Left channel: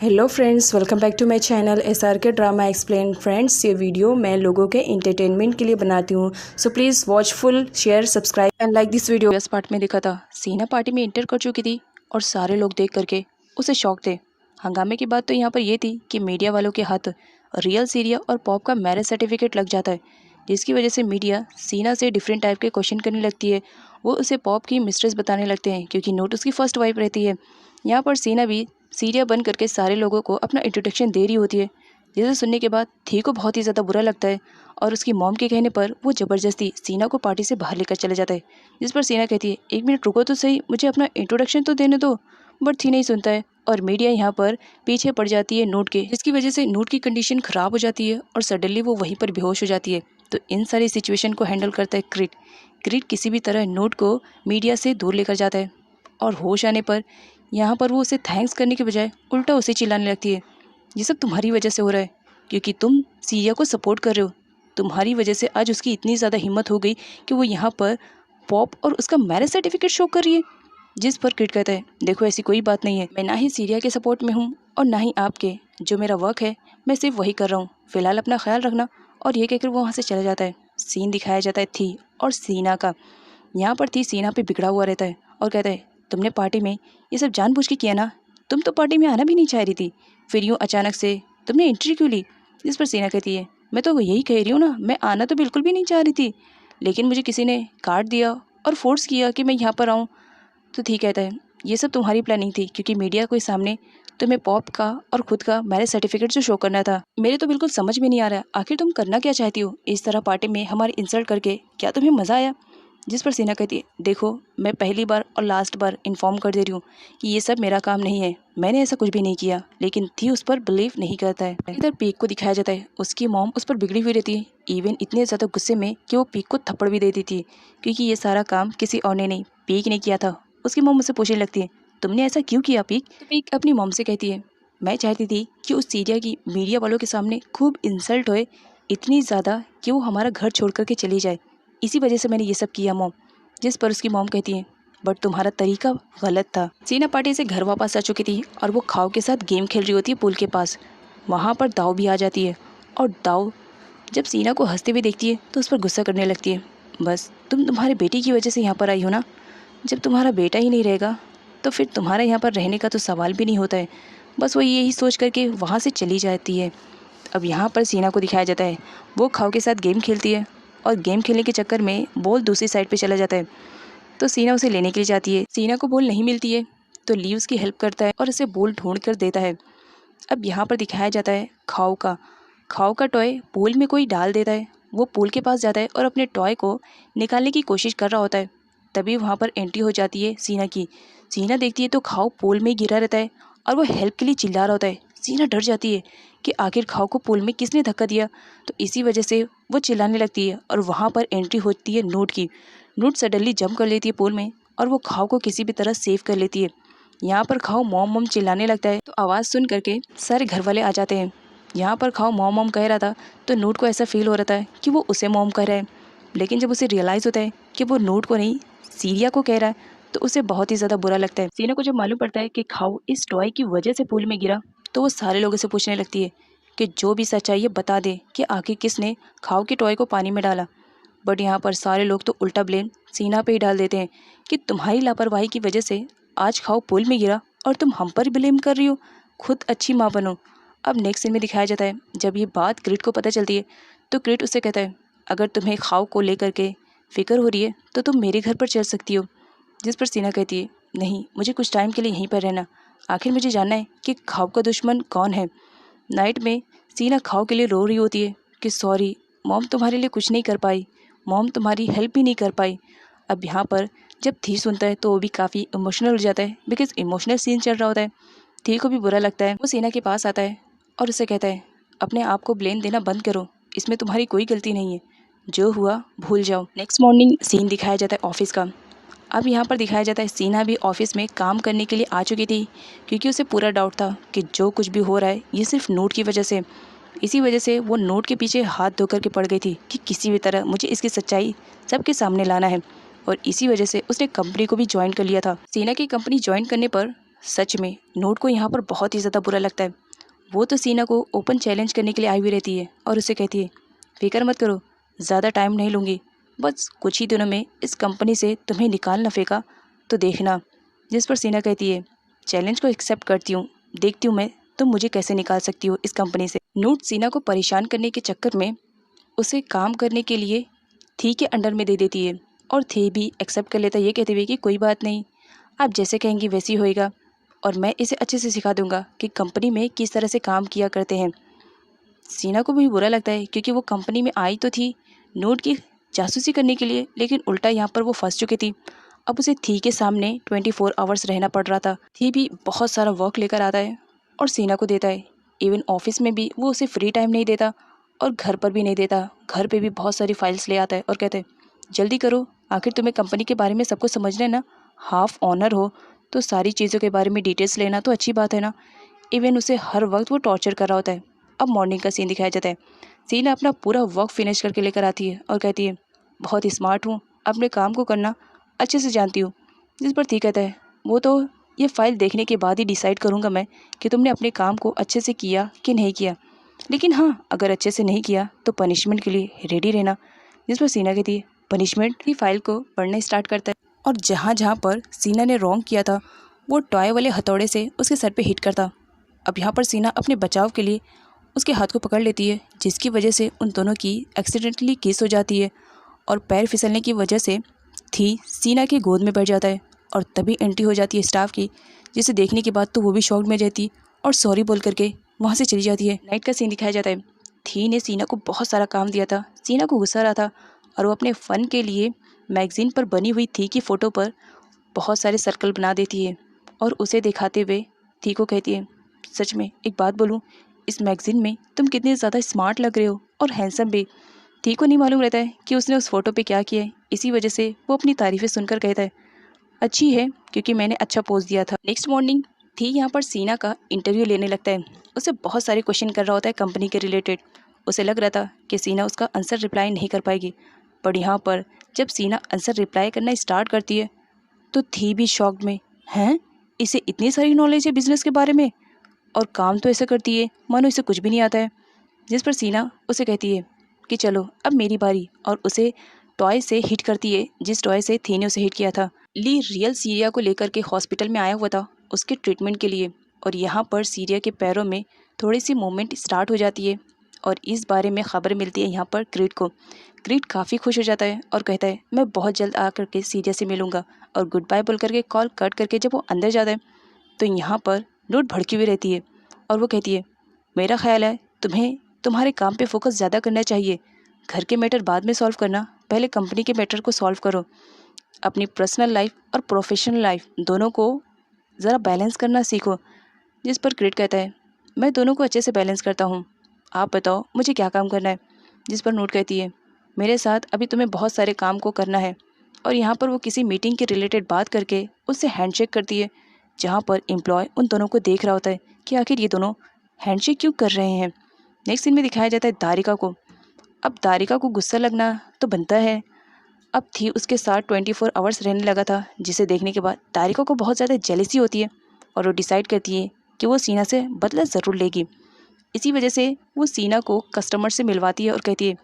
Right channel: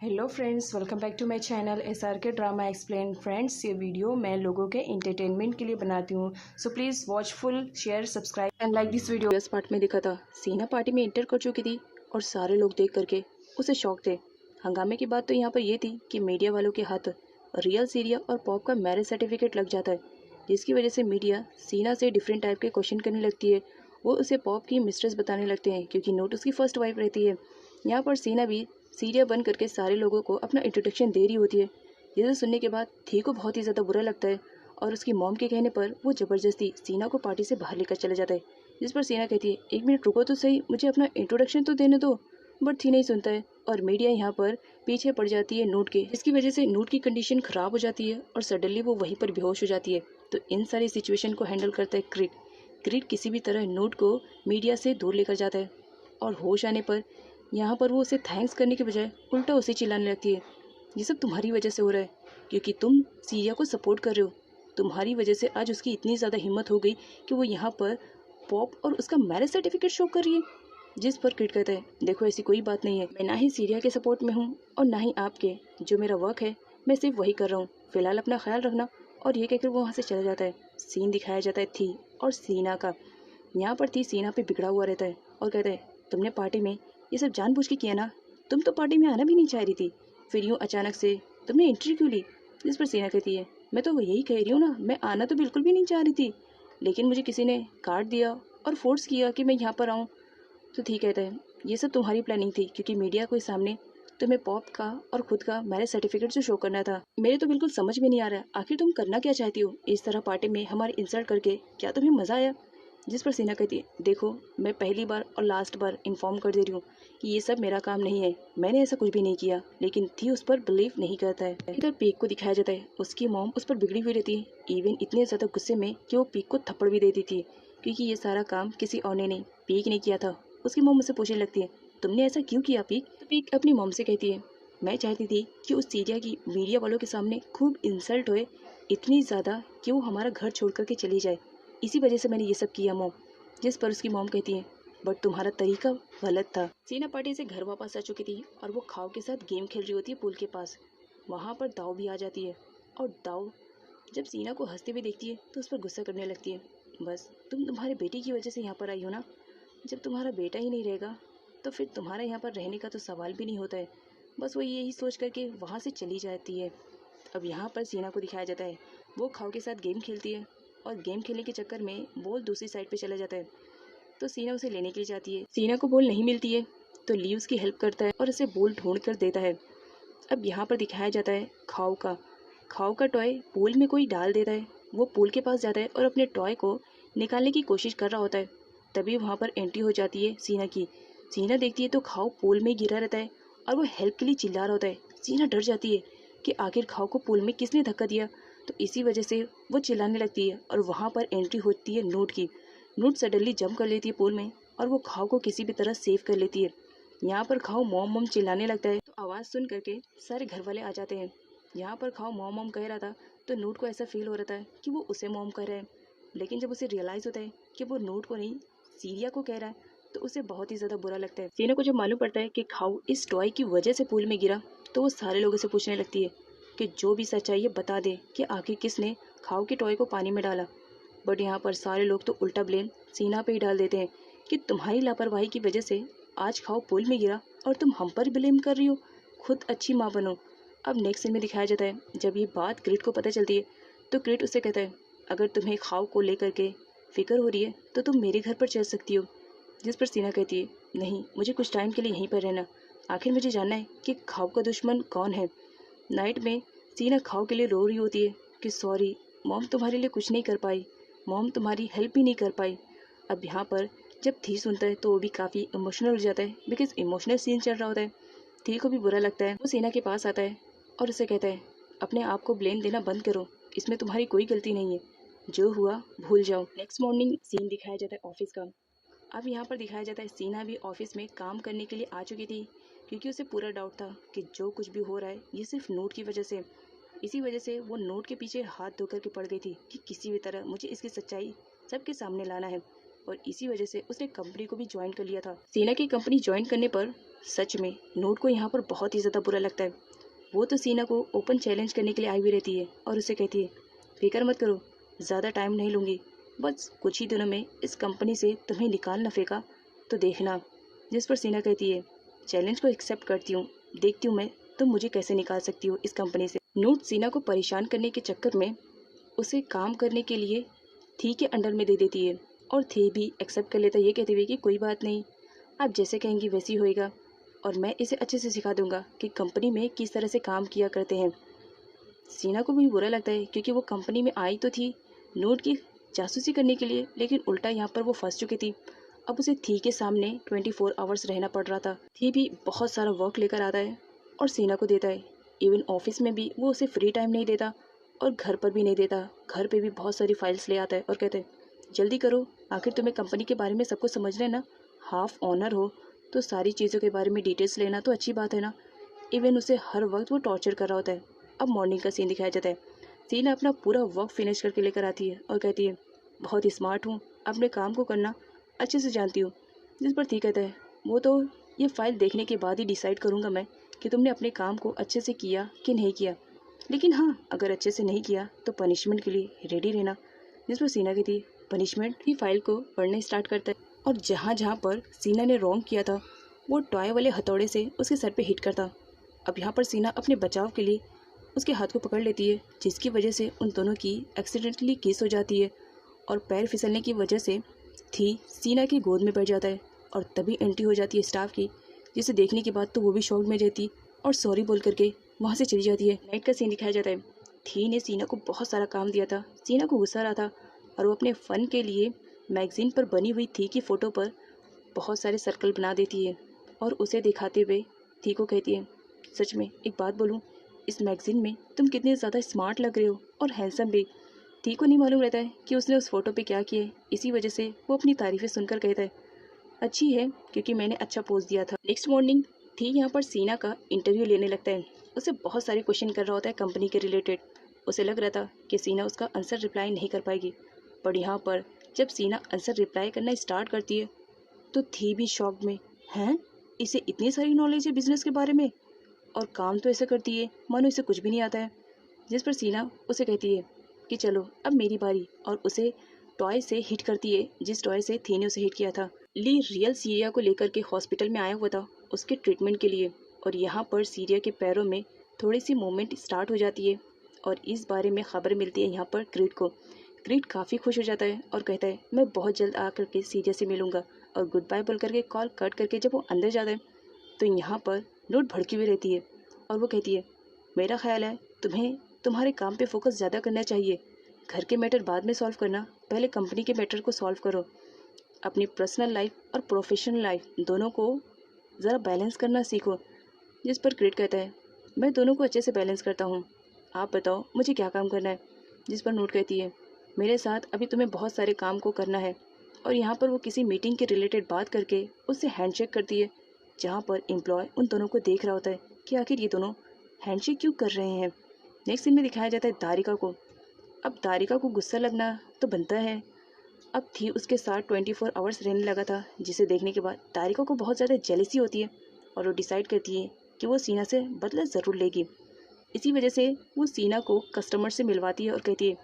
Hello friends, welcome back to my channel SRK drama explain. Friends, ये वीडियो मैं लोगों के एंटरटेनमेंट के लिए बनाती हूँ, so please watch full, share, subscribe and like this video. इस पार्ट में दिखा था सीना पार्टी में इंटर कर चुकी थी और सारे लोग देख करके उसे शौक थे। हंगामे की बात तो यहाँ पर ये थी कि मीडिया वालों के हाथ रियल सीरिया और पॉप का मैरिज सर्टिफिकेट लग जाता है, जिसकी वजह से मीडिया सीना से डिफरेंट टाइप के क्वेश्चन करने लगती है। वो उसे पॉप की मिस्ट्रेस बताने लगते हैं क्योंकि नोट उसकी फर्स्ट वाइफ रहती है। यहाँ पर सीना भी सीरिया बन करके सारे लोगों को अपना इंट्रोडक्शन दे रही होती है, जिसे सुनने के बाद थी को बहुत ही ज़्यादा बुरा लगता है और उसकी मॉम के कहने पर वो ज़बरदस्ती सीना को पार्टी से बाहर लेकर चले जाता है। जिस पर सीना कहती है, एक मिनट रुको तो सही, मुझे अपना इंट्रोडक्शन तो देने दो। बट थी नहीं सुनता है और मीडिया यहाँ पर पीछे पड़ जाती है नोट के, जिसकी वजह से नोट की कंडीशन ख़राब हो जाती है और सडनली वो वहीं पर बेहोश हो जाती है। तो इन सारी सिचुएशन को हैंडल करता है क्रिट। क्रिट किसी भी तरह नोट को मीडिया से दूर लेकर जाता है और होश आने पर यहाँ पर वो उसे थैंक्स करने के बजाय उल्टा उसे चिल्लाने लगती है, ये सब तुम्हारी वजह से हो रहा है क्योंकि तुम सीरिया को सपोर्ट कर रहे हो। तुम्हारी वजह से आज उसकी इतनी ज़्यादा हिम्मत हो गई कि वो यहाँ पर पॉप और उसका मैरिज सर्टिफिकेट शो कर रही है। जिस पर किट कहता है, देखो ऐसी कोई बात नहीं है, मैं ना ही सीरिया के सपोर्ट में हूँ और ना ही आपके। जो मेरा वर्क है मैं सिर्फ वही कर रहा हूँ, फिलहाल अपना ख्याल रखना। और ये कहकर वो वहाँ से चला जाता है। सीन दिखाया जाता है थी और सीना का। यहाँ पर थी सीना पे बिगड़ा हुआ रहता है और कहता है, तुमने पार्टी में ये सब जानबूझ के किया ना, तुम तो पार्टी में आना भी नहीं चाह रही थी, फिर यूँ अचानक से तुमने एंट्री क्यों ली। जिस पर सीना कहती है, मैं तो यही कह रही हूँ ना, मैं आना तो बिल्कुल भी नहीं चाह रही थी, लेकिन मुझे किसी ने कार्ड दिया और फोर्स किया कि मैं यहाँ पर आऊँ। तो ठीक कहता है, ये सब तुम्हारी प्लानिंग थी क्योंकि मीडिया के सामने तुम्हें पॉप का और खुद का मैरिज सर्टिफिकेट जो शो करना था। मेरे तो बिल्कुल समझ में नहीं आ रहा आखिर तुम करना क्या चाहती हो इस तरह पार्टी में हमारी इंसल्ट करके, क्या तुम्हें मज़ा आया। जिस पर सीना कहती है, देखो मैं पहली बार और लास्ट बार इन्फॉर्म कर दे रही हूँ कि ये सब मेरा काम नहीं है, मैंने ऐसा कुछ भी नहीं किया। लेकिन थी उस पर बिलीव नहीं करता है। इधर पीक को दिखाया जाता है, उसकी मॉम उस पर बिगड़ी हुई रहती है, इवन इतने ज़्यादा गुस्से में कि वो पीक को थप्पड़ भी दे देती है क्योंकि ये सारा काम किसी और ने नहीं, पीक ने किया था। उसकी मॉम मुझसे पूछने लगती है, तुमने ऐसा क्यों किया पीक। तो पीक अपनी मॉम से कहती है, मैं चाहती थी कि उस सीरिया की मीडिया वालों के सामने खूब इंसल्ट होए, इतनी ज़्यादा कि वो हमारा घर छोड़ करके चली जाए, इसी वजह से मैंने ये सब किया मॉम। जिस पर उसकी मॉम कहती है, बट तुम्हारा तरीका गलत था। सीना पार्टी से घर वापस आ चुकी थी और वो खाओ के साथ गेम खेल रही होती है पूल के पास। वहाँ पर दाव भी आ जाती है और दाव जब सीना को हंसते हुए देखती है तो उस पर गुस्सा करने लगती है, बस तुम्हारे बेटी की वजह से यहाँ पर आई हो ना, जब तुम्हारा बेटा ही नहीं रहेगा तो फिर तुम्हारा यहाँ पर रहने का तो सवाल भी नहीं होता है। बस वो यही सोच करके वहाँ से चली जाती है। अब यहाँ पर सीना को दिखाया जाता है, वो खाओ के साथ गेम खेलती है और गेम खेलने के चक्कर में बॉल दूसरी साइड पे चला जाता है। तो सीना उसे लेने के लिए जाती है, सीना को बॉल नहीं मिलती है तो ली उसकी हेल्प करता है और उसे बॉल ढूंढ कर देता है। अब यहाँ पर दिखाया जाता है खाओ का टॉय पूल में कोई डाल देता है। वो पूल के पास जाता है और अपने टॉय को निकालने की कोशिश कर रहा होता है। तभी वहाँ पर एंट्री हो जाती है सीना की। सीना देखती है तो खाओ पूल में गिरा रहता है और वो हेल्प के लिए चिल्ला रहा होता है। सीना डर जाती है कि आखिर खाओ को पूल में किसने धक्का दिया, तो इसी वजह से वो चिल्लाने लगती है और वहाँ पर एंट्री होती है नोट की। नोट सडनली जंप कर लेती है पूल में और वो खाओ को किसी भी तरह सेव कर लेती है। यहाँ पर खाओ मॉम मॉम चिल्लाने लगता है तो आवाज़ सुन करके सारे घर वाले आ जाते हैं। यहाँ पर खाओ मॉम मॉम कह रहा था तो नोट को ऐसा फील हो रहा था कि वो उसे मॉम कह रहा है, लेकिन जब उसे रियलाइज़ होता है कि वो नोट को नहीं सीरिया को कह रहा है तो उसे बहुत ही ज़्यादा बुरा लगता है। सीना को जब मालूम पड़ता है कि खाओ इस टॉय की वजह से पूल में गिरा तो वो सारे लोगों से पूछने लगती है कि जो भी सच्चाई है बता दे कि आखिर किसने खाओ के टॉय को पानी में डाला। बट यहाँ पर सारे लोग तो उल्टा ब्लेम सीना पे ही डाल देते हैं कि तुम्हारी लापरवाही की वजह से आज खाओ पूल में गिरा और तुम हम पर ब्लेम कर रही हो, खुद अच्छी माँ बनो। अब नेक्स्ट सीन में दिखाया जाता है, जब ये बात क्रिट को पता चलती है तो क्रिट उससे कहता है, अगर तुम्हें खाओ को लेकर के फिक्र हो रही है तो तुम मेरे घर पर चल सकती हो। जिस पर सीना कहती है, नहीं मुझे कुछ टाइम के लिए यहीं पर रहना, आखिर मुझे जानना है कि खाओ का दुश्मन कौन है। नाइट में सीना खाओ के लिए रो रही होती है कि सॉरी मॉम तुम्हारे लिए कुछ नहीं कर पाई, मॉम तुम्हारी हेल्प भी नहीं कर पाई। अब यहाँ पर जब थी सुनता है तो वो भी काफ़ी इमोशनल हो जाता है बिकॉज इमोशनल सीन चल रहा होता है। थी को भी बुरा लगता है। वो सीना के पास आता है और उसे कहता है, अपने आप को ब्लेम देना बंद करो, इसमें तुम्हारी कोई गलती नहीं है, जो हुआ भूल जाओ। नेक्स्ट मॉर्निंग सीन दिखाया जाता है ऑफिस का। अब यहाँ पर दिखाया जाता है सीना भी ऑफिस में काम करने के लिए आ चुकी थी क्योंकि उसे पूरा डाउट था कि जो कुछ भी हो रहा है ये सिर्फ नोट की वजह से। इसी वजह से वो नोट के पीछे हाथ धो करके पड़ गई थी कि किसी भी तरह मुझे इसकी सच्चाई सबके सामने लाना है, और इसी वजह से उसने कंपनी को भी ज्वाइन कर लिया था। सीना की कंपनी ज्वाइन करने पर सच में नोट को यहाँ पर बहुत ही ज़्यादा बुरा लगता है। वो तो सीना को ओपन चैलेंज करने के लिए आई हुई रहती है और उसे कहती है, फिक्र मत करो, ज़्यादा टाइम नहीं लूँगी, बस कुछ ही दिनों में इस कंपनी से तुम्हें निकाल ना फेंका तो देखना। जिस पर सीना कहती है, चैलेंज को एक्सेप्ट करती हूँ, देखती हूँ मैं तुम मुझे कैसे निकाल सकती हो इस कंपनी से। नोट सीना को परेशान करने के चक्कर में उसे काम करने के लिए थी के अंडर में दे देती है और थी भी एक्सेप्ट कर लेता है, ये कहते हुए कि कोई बात नहीं, आप जैसे कहेंगी वैसी होएगा और मैं इसे अच्छे से सिखा दूंगा कि कंपनी में किस तरह से काम किया करते हैं। सीना को भी बुरा लगता है क्योंकि वो कंपनी में आई तो थी नोट की जासूसी करने के लिए, लेकिन उल्टा यहाँ पर वो फंस चुकी थी। अब उसे थी के सामने 24 आवर्स रहना पड़ रहा था। थी भी बहुत सारा वर्क लेकर आता है और सीना को देता है। इवन ऑफिस में भी वो उसे फ्री टाइम नहीं देता और घर पर भी नहीं देता। घर पे भी बहुत सारी फाइल्स ले आता है और कहते हैं, जल्दी करो, आखिर तुम्हें कंपनी के बारे में सब कुछ समझना है ना, हाफ ऑनर हो तो सारी चीज़ों के बारे में डिटेल्स लेना तो अच्छी बात है ना। इवन उसे हर वक्त वो टॉर्चर कर रहा होता है। अब मॉर्निंग का सीन दिखाया जाता है। सीना अपना पूरा वर्क फिनिश करके लेकर आती है और कहती है, बहुत स्मार्ट हूँ, अपने काम को करना अच्छे से जानती हूँ। जिस पर थी कहता है, वो तो ये फाइल देखने के बाद ही डिसाइड करूँगा मैं कि तुमने अपने काम को अच्छे से किया कि नहीं किया, लेकिन हाँ, अगर अच्छे से नहीं किया तो पनिशमेंट के लिए रेडी रहना। जिस पर सीना कहती है, पनिशमेंट की फाइल को पढ़ना स्टार्ट करता है और जहाँ जहाँ पर सीना ने रॉन्ग किया था वो टॉय वाले हथौड़े से उसके सर पे हिट करता। अब यहाँ पर सीना अपने बचाव के लिए उसके हाथ को पकड़ लेती है, जिसकी वजह से उन दोनों की एक्सीडेंटली किस हो जाती है और पैर फिसलने की वजह से थी सीना की गोद में बैठ जाता है और तभी एंट्री हो जाती है स्टाफ की, जिसे देखने के बाद तो वो भी शॉक में रहती और सॉरी बोल करके वहाँ से चली जाती है। नाइट का सीन दिखाया जाता है। थी ने सीना को बहुत सारा काम दिया था, सीना को गुस्सा रहा था और वो अपने फ़न के लिए मैगज़ीन पर बनी हुई थी की फ़ोटो पर बहुत सारे सर्कल बना देती है और उसे दिखाते हुए थी को कहती है, सच में एक बात बोलूँ, इस मैगज़ीन में तुम कितने ज़्यादा स्मार्ट लग रहे हो और हैंडसम भी। थी को नहीं मालूम रहता है कि उसने उस फ़ोटो पे क्या किया है, इसी वजह से वो अपनी तारीफ़ें सुनकर कहता है, अच्छी है क्योंकि मैंने अच्छा पोज दिया था। नेक्स्ट मॉर्निंग थी यहाँ पर सीना का इंटरव्यू लेने लगता है। उसे बहुत सारे क्वेश्चन कर रहा होता है कंपनी के रिलेटेड। उसे लग रहा था कि सीना उसका आंसर रिप्लाई नहीं कर पाएगी, पर यहाँ पर जब सीना आंसर रिप्लाई करना स्टार्ट करती है तो थी भी शॉक्ड में, हैं, इसे इतनी सारी नॉलेज है बिजनेस के बारे में और काम तो ऐसा करती है मानो इसे कुछ भी नहीं आता है। जिस पर सीना उसे कहती है कि चलो अब मेरी बारी, और उसे टॉय से हिट करती है जिस टॉय से थी ने उसे हिट किया था। ली रियल सीरिया को लेकर के हॉस्पिटल में आया हुआ था उसके ट्रीटमेंट के लिए और यहाँ पर सीरिया के पैरों में थोड़ी सी मूवमेंट स्टार्ट हो जाती है और इस बारे में ख़बर मिलती है यहाँ पर क्रीड को। क्रीड काफ़ी खुश हो जाता है और कहता है, मैं बहुत जल्द आकर के सीरिया से मिलूंगा, और गुड बाय बोल करके कॉल कट करके जब वो अंदर जाता है तो यहाँ पर नोट भड़की हुई रहती है और वो कहती है, मेरा ख्याल है तुम्हें तुम्हारे काम पे फोकस ज़्यादा करना चाहिए, घर के मैटर बाद में सॉल्व करना, पहले कंपनी के मैटर को सॉल्व करो, अपनी पर्सनल लाइफ और प्रोफेशनल लाइफ दोनों को ज़रा बैलेंस करना सीखो। जिस पर क्रिट कहता है, मैं दोनों को अच्छे से बैलेंस करता हूँ, आप बताओ मुझे क्या काम करना है। जिस पर नोट कहती है, मेरे साथ अभी तुम्हें बहुत सारे काम को करना है, और यहाँ पर वो किसी मीटिंग के रिलेटेड बात करके उससे हैंडशेक करती है, जहाँ पर एम्प्लॉय उन दोनों को देख रहा होता है कि आखिर ये दोनों हैंडशेक क्यों कर रहे हैं। नेक्स्ट सीन में दिखाया जाता है दारिका को। अब दारिका को गुस्सा लगना तो बनता है। अब थी उसके साथ 24 आवर्स रहने लगा था, जिसे देखने के बाद दारिका को बहुत ज़्यादा जेलसी होती है और वो डिसाइड करती है कि वो सीना से बदला ज़रूर लेगी। इसी वजह से वो सीना को कस्टमर से मिलवाती है और कहती है,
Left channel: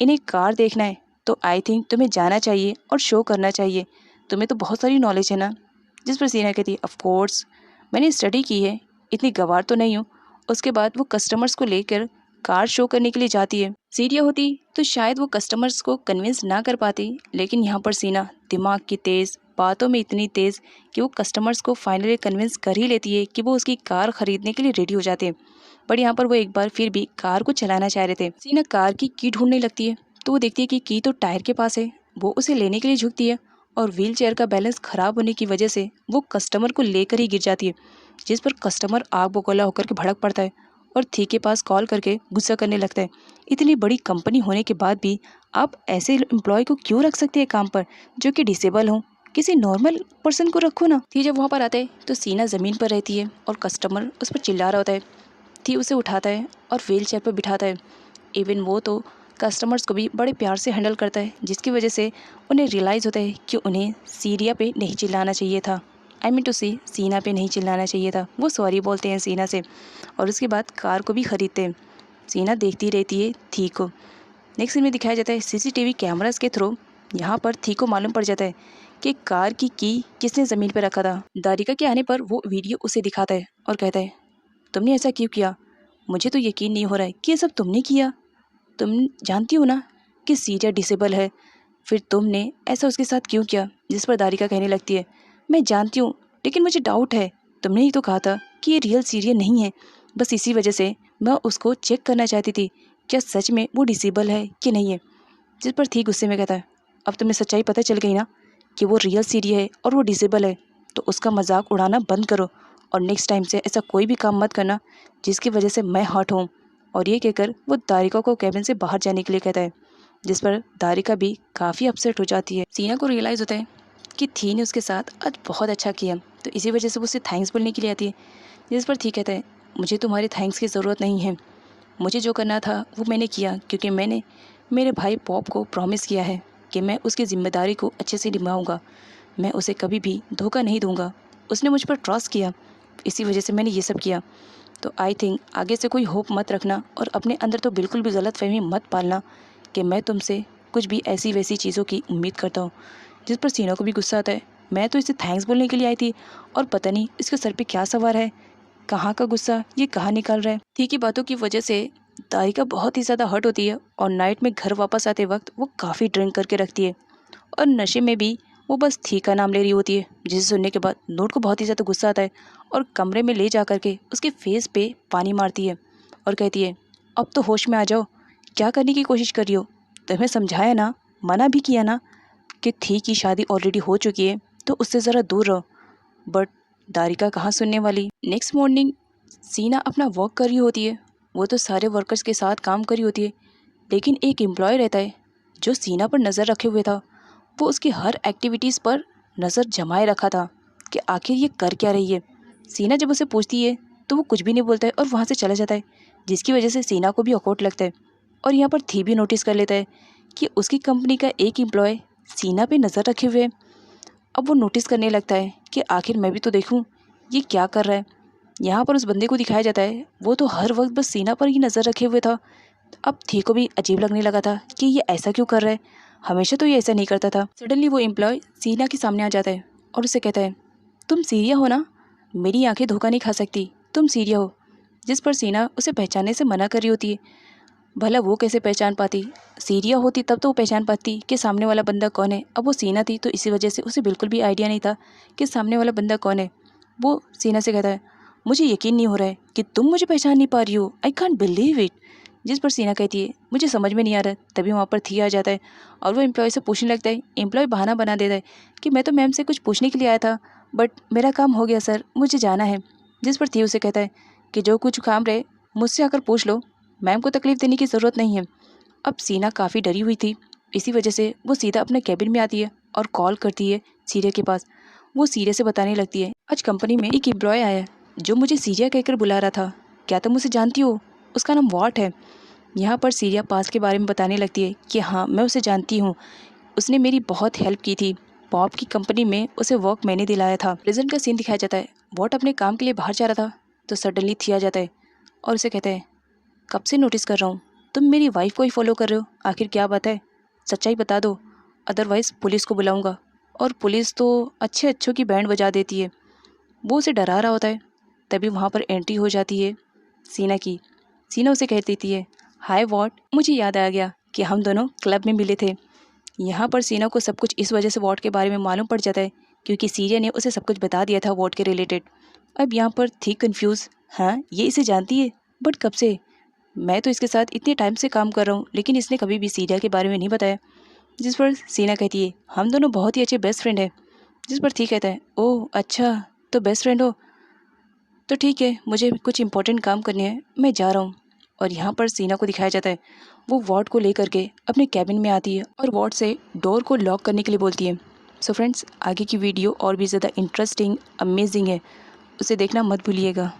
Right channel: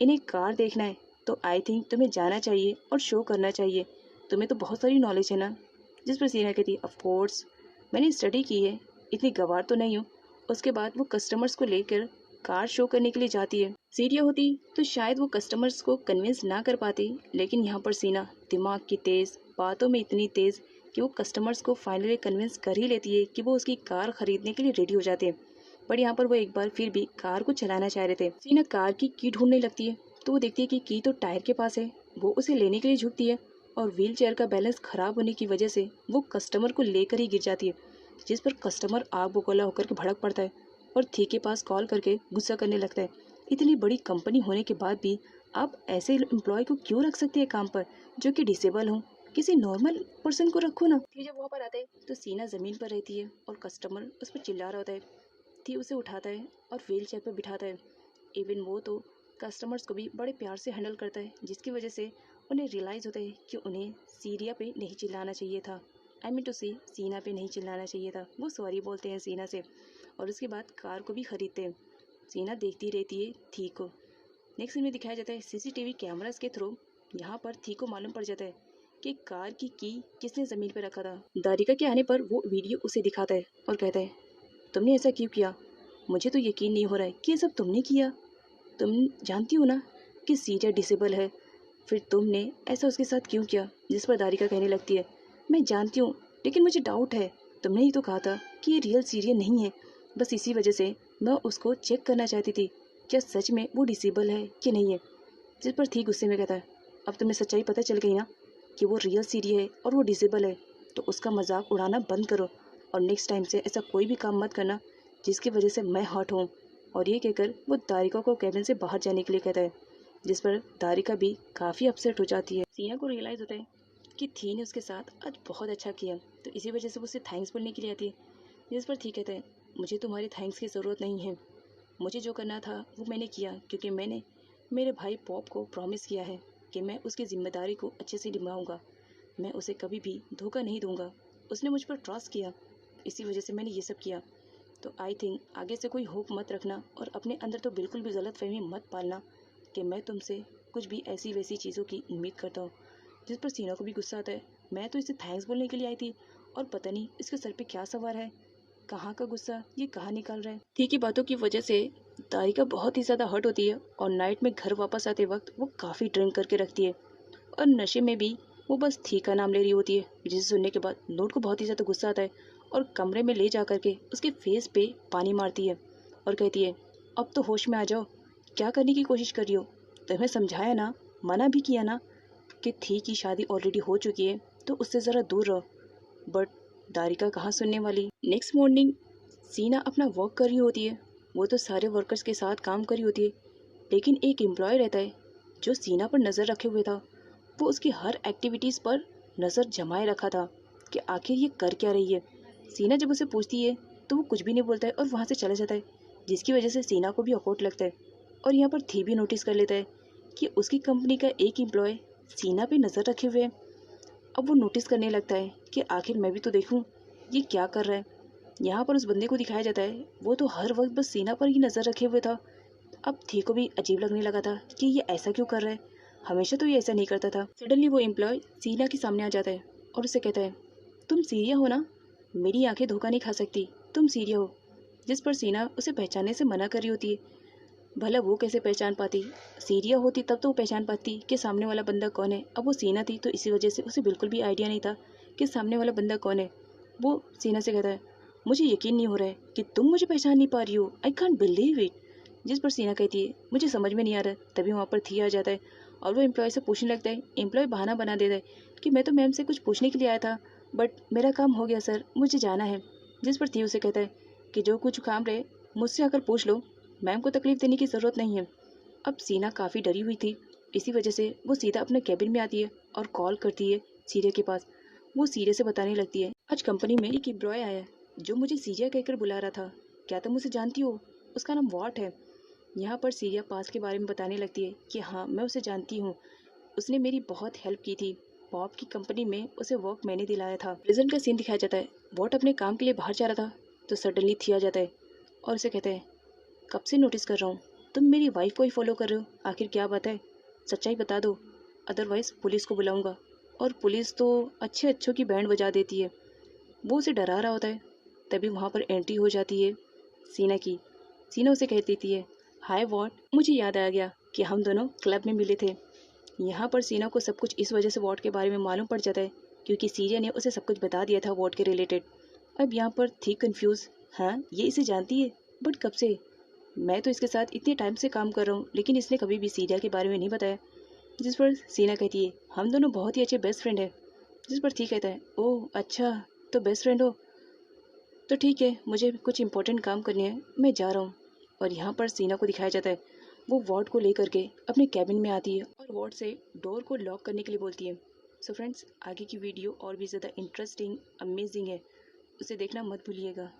इन्हें कार देखना है तो आई थिंक तुम्हें जाना चाहिए और शो करना चाहिए, तुम्हें तो बहुत सारी नॉलेज है ना। जिस पर सीना कहती है, ऑफ कोर्स मैंने स्टडी की है, इतनी गवार तो नहीं हूँ। उसके बाद वो कस्टमर्स को लेकर कार शो करने के लिए जाती है। सीरिया होती तो शायद वो कस्टमर्स को कन्विंस ना कर पाती, लेकिन यहाँ पर सीना दिमाग की तेज़, बातों में इतनी तेज़ कि वो कस्टमर्स को फाइनली कन्विंस कर ही लेती है कि वो उसकी कार खरीदने के लिए रेडी हो जाते हैं। बट यहाँ पर वो एक बार फिर भी कार को चलाना चाह रहे थे। सीना कार की की ढूंढने लगती है तो वो देखती है कि की तो टायर के पास है। वो उसे लेने के लिए झुकती है और व्हील चेयर का बैलेंस खराब होने की वजह से वो कस्टमर को लेकर ही गिर जाती है, जिस पर कस्टमर आग बगोला होकर के भड़क पड़ता है और थी के पास कॉल करके गुस्सा करने लगता है, इतनी बड़ी कंपनी होने के बाद भी आप ऐसे एम्प्लॉय को क्यों रख सकते हैं काम पर जो कि डिसेबल हो, किसी नॉर्मल पर्सन को रखो ना। थी जब वहाँ पर आता है तो सीना ज़मीन पर रहती है और कस्टमर उस पर चिल्ला रहा होता है। थी उसे उठाता है और व्हील चेयर पर बिठाता है। इवन वो तो कस्टमर्स को भी बड़े प्यार से हैंडल करता है, जिसकी वजह से उन्हें रियलाइज़ होता है कि उन्हें सीरिया पे नहीं चिल्लाना चाहिए था। आई मीन टू से सीना पे नहीं चिल्लाना चाहिए था। वो सॉरी बोलते हैं सीना से और उसके बाद कार को भी ख़रीदते हैं। सीना देखती रहती है थी को। नेक्स्ट सीन में दिखाया जाता है सीसीटीवी कैमरास के थ्रू यहाँ पर थी को मालूम पड़ जाता है कि कार की किसने ज़मीन पर रखा था। दारिका के आने पर वो वीडियो उसे दिखाता है और कहता है तुमने ऐसा क्यों किया? मुझे तो यकीन नहीं हो रहा है कि ये सब तुमने किया। तुम जानती हो ना कि सीरिया डिसेबल है, फिर तुमने ऐसा उसके साथ क्यों किया? जिस पर दारिका कहने लगती है मैं जानती हूँ लेकिन मुझे डाउट है। तुमने ही तो कहा था कि ये रियल सीरिया नहीं है, बस इसी वजह से मैं उसको चेक करना चाहती थी क्या सच में वो डिसेबल है कि नहीं है। जिस पर थी गुस्से में कहता है अब तुम्हें सच्चाई पता चल गई ना कि वो रियल सीरिया है और वो डिसेबल है, तो उसका मजाक उड़ाना बंद करो और नेक्स्ट टाइम से ऐसा कोई भी काम मत करना जिसकी वजह से मैं हर्ट हूँ। और ये कहकर वो दारिका को कैबिन से बाहर जाने के लिए कहता है, जिस पर दारिका भी काफ़ी अपसेट हो जाती है। सीना को रियलाइज़ होता है कि थी ने उसके साथ आज बहुत अच्छा किया, तो इसी वजह से वो उसे थैंक्स बोलने के लिए आती है। जिस पर थी कहता है मुझे तुम्हारे थैंक्स की ज़रूरत नहीं है, मुझे जो करना था वो मैंने किया क्योंकि मैंने मेरे भाई पॉप को प्रॉमिस किया है कि मैं उसकी ज़िम्मेदारी को अच्छे से निभाऊंगा, मैं उसे कभी भी धोखा नहीं दूंगा। उसने मुझ पर ट्रस्ट किया, इसी वजह से मैंने ये सब किया। तो आई थिंक आगे से कोई होप मत रखना और अपने अंदर तो बिल्कुल भी गलत फहमी मत पालना कि मैं तुमसे कुछ भी ऐसी वैसी चीज़ों की उम्मीद करता हूँ। जिस पर सीना को भी गुस्सा आता है, मैं तो इसे थैंक्स बोलने के लिए आई थी और पता नहीं इसके सर पे क्या सवार है, कहाँ का गुस्सा ये कहाँ निकाल रहा है। थी की बातों की वजह से दारिका बहुत ही ज़्यादा हर्ट होती है और नाइट में घर वापस आते वक्त वो काफ़ी ड्रिंक करके रखती है और नशे में भी वो बस थी का नाम ले रही होती है। जिसे सुनने के बाद नोट को बहुत ही ज़्यादा गुस्सा आता है और कमरे में ले जा करके उसके फेस पे पानी मारती है और कहती है अब तो होश में आ जाओ, क्या करने की कोशिश कर रही हो? तुम्हें समझाया ना, मना भी किया ना कि थी की शादी ऑलरेडी हो चुकी है तो उससे ज़रा दूर रहो, बट दारिका कहाँ सुनने वाली। नेक्स्ट मॉर्निंग सीना अपना वर्क कर रही होती है, वो तो सारे वर्कर्स के साथ काम कर रही होती है, लेकिन एक एम्प्लॉय रहता है जो सीना पर नज़र रखे हुए था। वो उसकी हर एक्टिविटीज़ पर नज़र जमाए रखा था कि आखिर ये कर क्या रही है। सीना जब उसे पूछती है तो वो कुछ भी नहीं बोलता है और वहाँ से चला जाता है, जिसकी वजह से सीना को भी ऑकवर्ड लगता है। और यहाँ पर थी भी नोटिस कर लेता है कि उसकी कंपनी का एक एम्प्लॉय सीना पे नज़र रखे हुए है। अब वो नोटिस करने लगता है कि आखिर मैं भी तो देखूँ ये क्या कर रहा है। यहाँ पर उस बंदे को दिखाया जाता है, वो तो हर वक्त बस सीना पर ही नज़र रखे हुए था। अब थी को भी अजीब लगने लगा था कि ये ऐसा क्यों कर रहा है, हमेशा तो ये ऐसा नहीं करता था। सडनली वो एम्प्लॉय सीना के सामने आ जाता है और उसे कहता है तुम सीरिया हो ना, मेरी आंखें धोखा नहीं खा सकती, तुम सीरिया हो। जिस पर सीना उसे पहचानने से मना कर रही होती है। भला वो कैसे पहचान पाती, सीरिया होती तब तो वो पहचान पाती कि सामने वाला बंदा कौन है। अब वो सीना थी तो इसी वजह से उसे बिल्कुल भी आइडिया नहीं था कि सामने वाला बंदा कौन है। वो सीना से कहता है मुझे यकीन नहीं हो रहा है कि तुम मुझे पहचान नहीं पा रही हो, आई कांट बिलीव इट। जिस पर सीना कहती है मुझे समझ में नहीं आ रहा। तभी वहाँ पर थी आ जाता है और वो एम्प्लॉय से पूछने लगता है। एम्प्लॉय बहाना बना देता है कि मैं तो मैम से कुछ पूछने के लिए आया था, बट मेरा काम हो गया सर, मुझे जाना है। जिस पर थी उसे कहता है कि जो कुछ काम रहे मुझसे आकर पूछ लो, मैम को तकलीफ़ देने की ज़रूरत नहीं है। अब सीना काफ़ी डरी हुई थी, इसी वजह से वो सीधा अपने कैबिन में आती है और कॉल करती है सीरिया के पास। वो सीरिया से बताने लगती है आज कंपनी में एक एम्प्लॉय आया जो मुझे सीरिया कहकर बुला रहा था, क्या तुम उसे जानती हो? उसका नाम वॉट है। यहाँ पर सीरिया पास के बारे में बताने लगती है कि हाँ मैं उसे जानती हूँ, उसने मेरी बहुत हेल्प की थी, पॉप की कंपनी में उसे वर्क मैंने दिलाया था। प्रेजेंट का सीन दिखाया जाता है, वॉट अपने काम के लिए बाहर जा रहा था तो सडनली थी आ जाता है और उसे कहता है कब से नोटिस कर रहा हूँ तुम मेरी वाइफ को ही फॉलो कर रहे हो, आखिर क्या बात है, सच्चाई बता दो, अदरवाइज़ पुलिस को बुलाऊंगा। और पुलिस तो अच्छे अच्छों की बैंड बजा देती है। वो उसे डरा रहा होता है, तभी वहाँ पर एंट्री हो जाती है सीना की। सीना उसे कह देती है हाय वॉट, मुझे याद आ गया कि हम दोनों क्लब में मिले थे। यहाँ पर सीना को सब कुछ इस वजह से वॉट के बारे में मालूम पड़ जाता है क्योंकि सीरिया ने उसे सब कुछ बता दिया था वॉट के रिलेटेड। अब यहाँ पर थी कंफ्यूज, हाँ ये इसे जानती है, बट कब से? मैं तो इसके साथ इतने टाइम से काम कर रहा हूँ लेकिन इसने कभी भी सीरिया के बारे में नहीं बताया। जिस पर सीना कहती है हम दोनों बहुत ही अच्छे बेस्ट फ्रेंड हैं। जिस पर थी कहता है ओह अच्छा, तो बेस्ट फ्रेंड हो, तो ठीक है, मुझे कुछ इंपॉर्टेंट काम करने हैं, मैं जा रहा हूँ। और यहाँ पर सीना को दिखाया जाता है वो वॉर्ड को लेकर के अपने कैबिन में आती है और वॉर्ड से डोर को लॉक करने के लिए बोलती है। सो फ्रेंड्स, आगे की वीडियो और भी ज़्यादा इंटरेस्टिंग अमेजिंग है, उसे देखना मत भूलिएगा।